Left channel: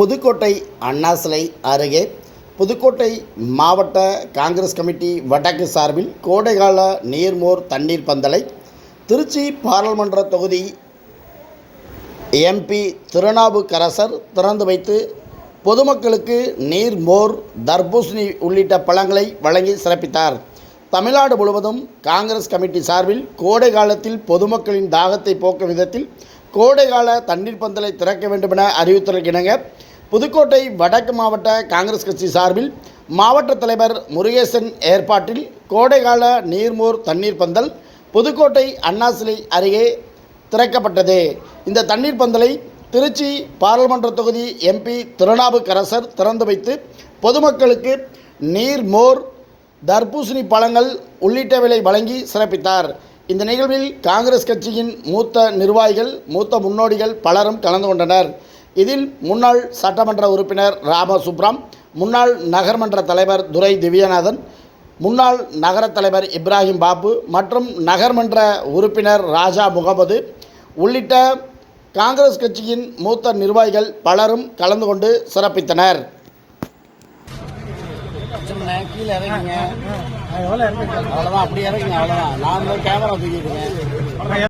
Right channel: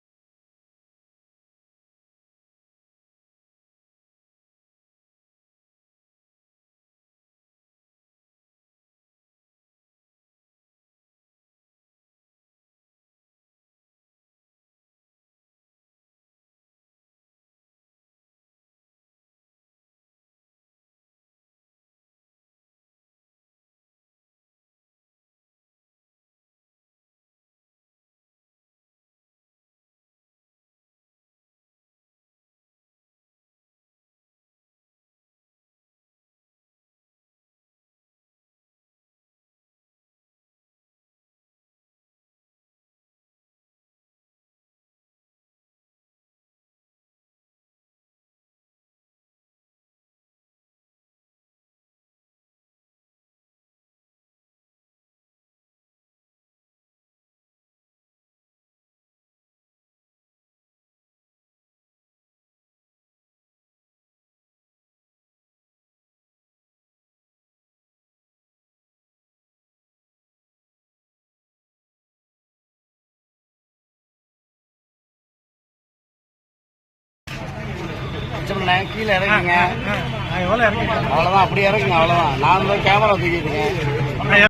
புதுக்கோட்டை அண்ணா சிலை அருகே புதுக்கோட்டை மாவட்ட காங்கிரஸ் கமிட்டி வடக்கு சார்பில் கோடைகால நீர்மோர் தண்ணீர் பந்தலை திருச்சி பாராளுமன்ற தொகுதி எம்பி திருநாவுக்கரசர் திறந்து வைத்து பொதுமக்களுக்கு நீர் மோர் தர்பூசணி உள்ளிட்ட பழங்களை வழங்கி சிறப்பித்தார். தமிழ்நாடு முழுவதும் காங்கிரஸ் கமிட்டி சார்பில் கோடை காலத்தில் பொதுமக்களின் தாகத்தை போக்கும் விதத்தில் கோடைகால தண்ணீர் பந்தலை திறக்க வேண்டுமென அறிவித்துள்ளனர் புதுக்கோட்டை வடக்கு மாவட்ட காங்கிரஸ் கட்சி சார்பில் மாவட்ட தலைவர் முருகேசன் ஏற்பாட்டில் கோடைகால நீர்மோர் தண்ணீர் பந்தல் புதுக்கோட்டை அண்ணா சிலை அருகே திறக்கப்பட்டது. இந்த தண்ணீர் பந்தலை திருச்சி பாராளுமன்ற தொகுதி எம்பி திருநாவுக்கரசர் திறந்து வைத்து பொதுமக்களுக்கு நீர் மோர் தர்பூசணி பழங்கள் உள்ளிட்டவைகளை வழங்கி சிறப்பித்தார். இந்த நிகழ்வில் காங்கிரஸ் கட்சியின் மூத்த நிர்வாகிகள் மூத்த முன்னோடிகள் பலரும் கலந்து கொண்டனர். இதில் முன்னாள் சட்டமன்ற உறுப்பினர் ராம சுப்ராம் முன்னாள் நகர்மன்ற தலைவர் துரை திவ்யநாதன் முன்னாள் நகர தலைவர் இப்ராஹிம் பாபு மற்றும் நகர்மன்ற உறுப்பினர் ராஜா முகமது உள்ளிட்ட காங்கிரஸ் கட்சியின் மூத்த நிர்வாகிகள் பலரும் கலந்து கொண்டு சிறப்பித்தனர். கீழே இறங்குங்க. அவ்வளோதான் அப்படி இறங்குங்க அவ்வளோதான் நான் கேமரா தூக்கிட்டுங்க